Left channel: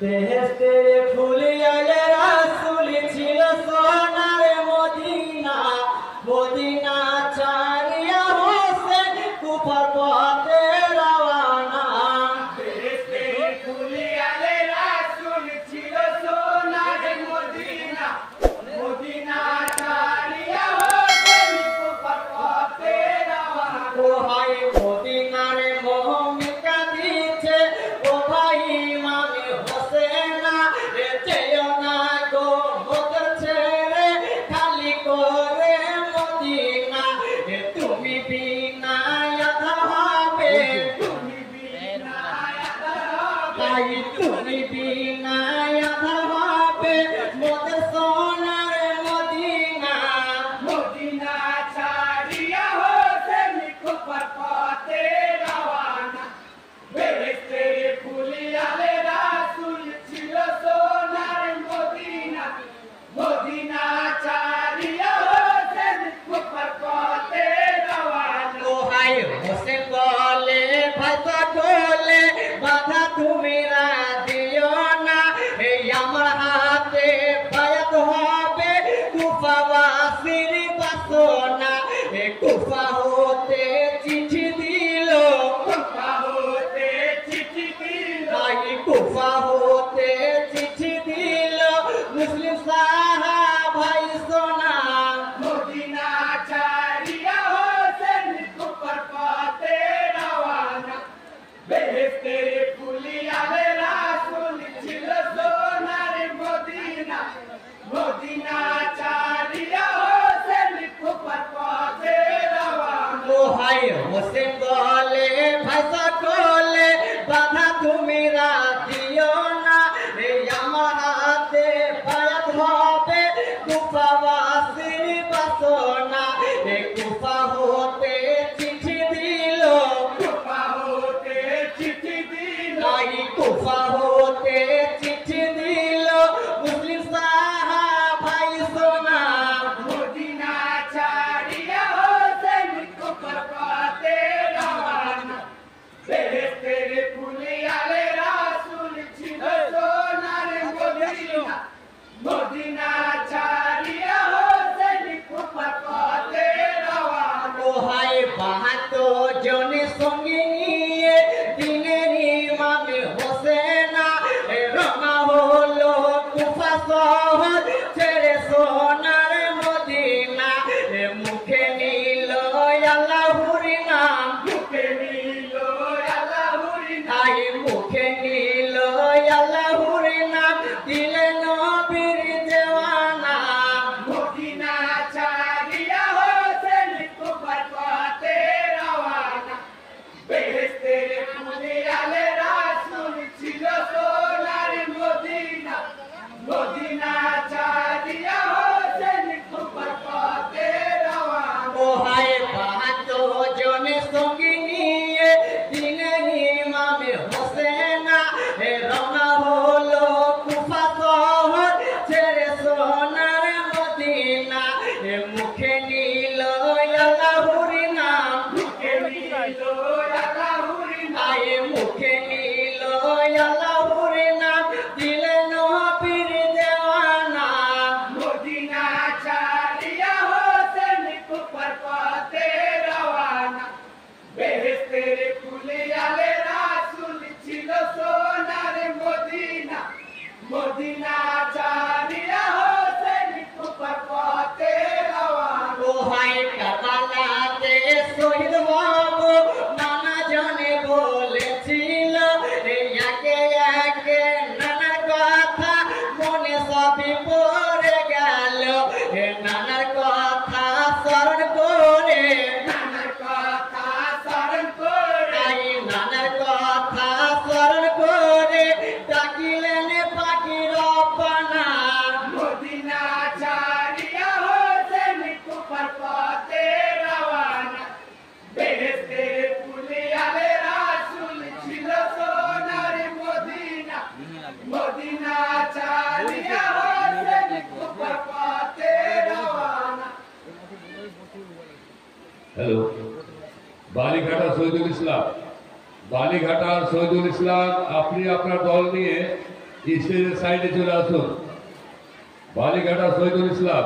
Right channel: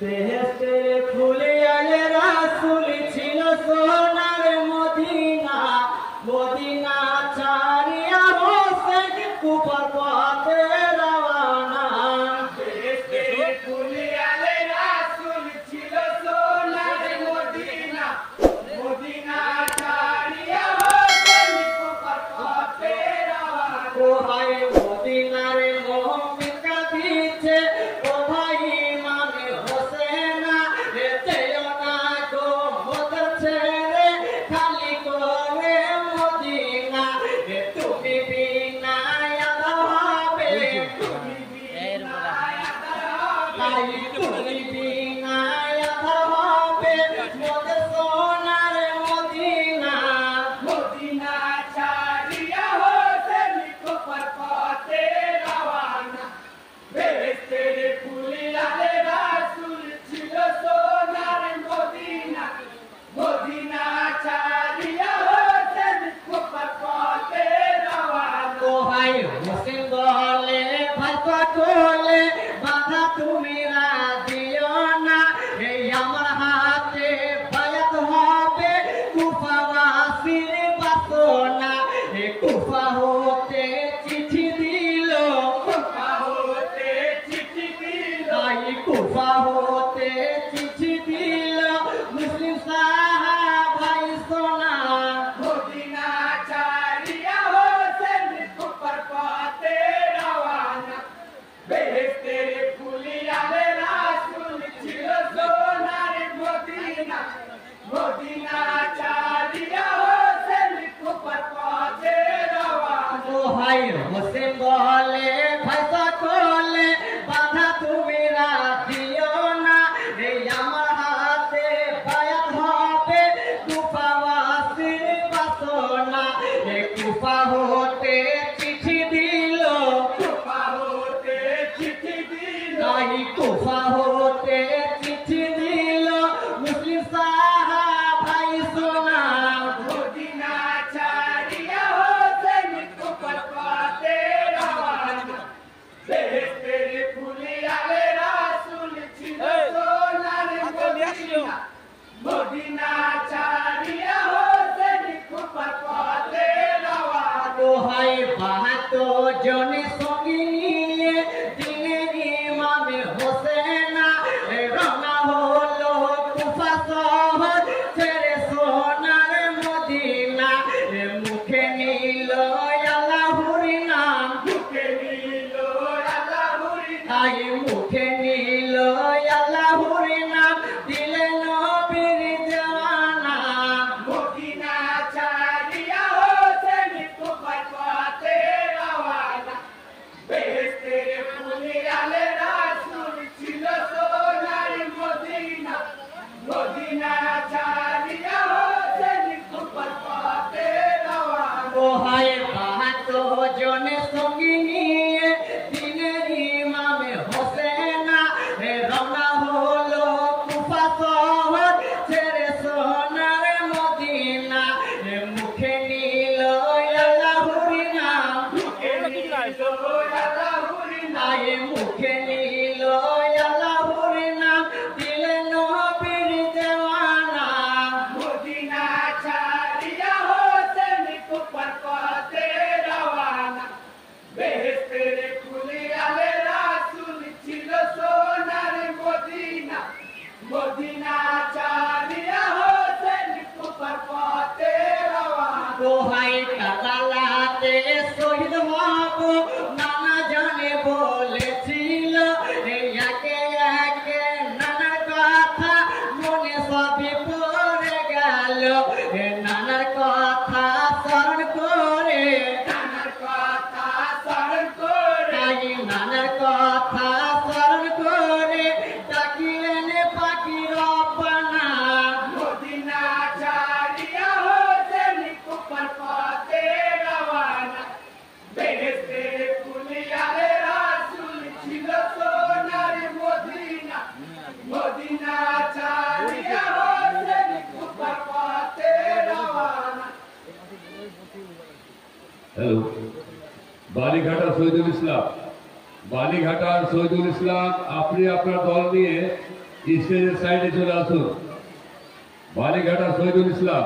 বেহেশতের ফুলে আলে রাসূল ছিল সোনার মদিনা, মদিনা ছাড়িয়া হোসেন কুফার পথে রওনা। বেহেশতের ফুলে আলে রাসূল ছিল সোনার মদিনা, মদিনা ছাড়িয়া হোসেন কুফার পথে রওনা। ও ভাই মদিনার মোহাম্মদ দিচ্ছে, ও ভাই ইমামে হোসেনা, যেও না গো বদর ছেড়ে খালি করে মদিনা। তুমি বিনা আধা হবে, তুমি বিনা আধা হবে, তাই তুমি বিনা আধা হবে মোদের সোনার মদিনা। মদিনা ছাড়িয়া হোসেন কুফার পথে রওনা। বেহেশতের ফুলে আলে রাসূল ছিল সোনার মদিনা, মদিনা ছাড়িয়া হোসেন কুফার পথে রওনা। ও ভাই হোসেন বলে ভাষা ঢোলে বাধা তুমি দিও না, এই আমার হাতে বায়াত হবে কুফাবাসীর বাসনা। কুফা হতে চিঠি দিল, কুফা হতে চিঠি দিল, তাই কুফা হতে চিঠি দিল মুসলিম সাহাবাই সোনা। মদিনা ছাড়িয়া হোসেন কুফার পথে রওনা। বেহেশতের ফুলে আলে রাসূল ছিল সোনার মদিনা, মদিনা ছাড়িয়া হোসেন কুফার পথে রওনা। ও ভাই হোসেন বলে ভাষা ঢোলে বাধা তুমি দিও না, এই আমার হাতে বায়াত হবে কুফাবাসীর বাসনা। কুফা হতে চিঠি দিল, কুফা হতে চিঠি দিল, তাই কুফা হতে চিঠি দিল মুসলিম সাহাবাই সোনা। মদিনা ছাড়িয়া হোসেন কুফার পথে রওনা। বেহেশতের ফুলে আলে রাসূল ছিল সোনার মদিনা, মদিনা ছাড়িয়া হোসেন কুফার পথে রওনা। ও ভাই ৭২ জনে সঙ্গে নিয়ে দিনের ইমামে হোসেনা রওনা হলো কুফা শহর ছেড়ে সোনার মদিনা। মুখে নিল আল্লাহর নাম, মুখে নিল আল্লাহর নাম, তাই মুখে নিল আল্লাহর নাম, দিলেন নবীর দেওয়ানা। মদিনা ছাড়িয়া হোসেন কুফার পথে রওনা। বেহেশতের ফুলে আলে রাসূল ছিল সোনার মদিনা, মদিনা ছাড়িয়া হোসেন কুফার পথে রওনা। ও ভাই ৭২ জনে সঙ্গে নিয়ে দিনের ইমামে হোসেনা রওনা হলো কুফা শহর ছেড়ে সোনার মদিনা। মুখে নিল আল্লাহর নাম, মুখে নিল আল্লাহর নাম, তাই মুখে নিল আল্লাহর নাম, দিলেন নবীর দেওয়ানা। মদিনা ছাড়িয়া হোসেন কুফার পথে রওনা। বেহেশতের ফুলে আলে রাসূল ছিল সোনার মদিনা, মদিনা ছাড়িয়া হোসেন কুফার পথে রওনা। ও ভাই কারবালাতে শহীদ হব নানা জানে বলেছিল, একে একে নানার কথা মনে সবই পড়ে গেল। নানার কথা স্মরণ করে, নানার কথা স্মরণ করে, তাই নানার কথা স্মরণ করে ডাকিলেন পাখি রব্বানা। মদিনা ছাড়িয়া হোসেন কুফার পথে রওনা। বেহেশতের ফুলে আলে রাসূল ছিল সোনার মদিনা, মদিনা ছাড়িয়া হোসেন কুফার পথে রওনা। হ্যালো, বালিঘাটা শহীদুল ইসলাম, বালিঘাটার শহীদুল ইসলাম, আপনি আপনার দল নিয়ে স্টেজের সাইডে চলে আসুন। বালিঘাটা শহীদুল ইসলাম।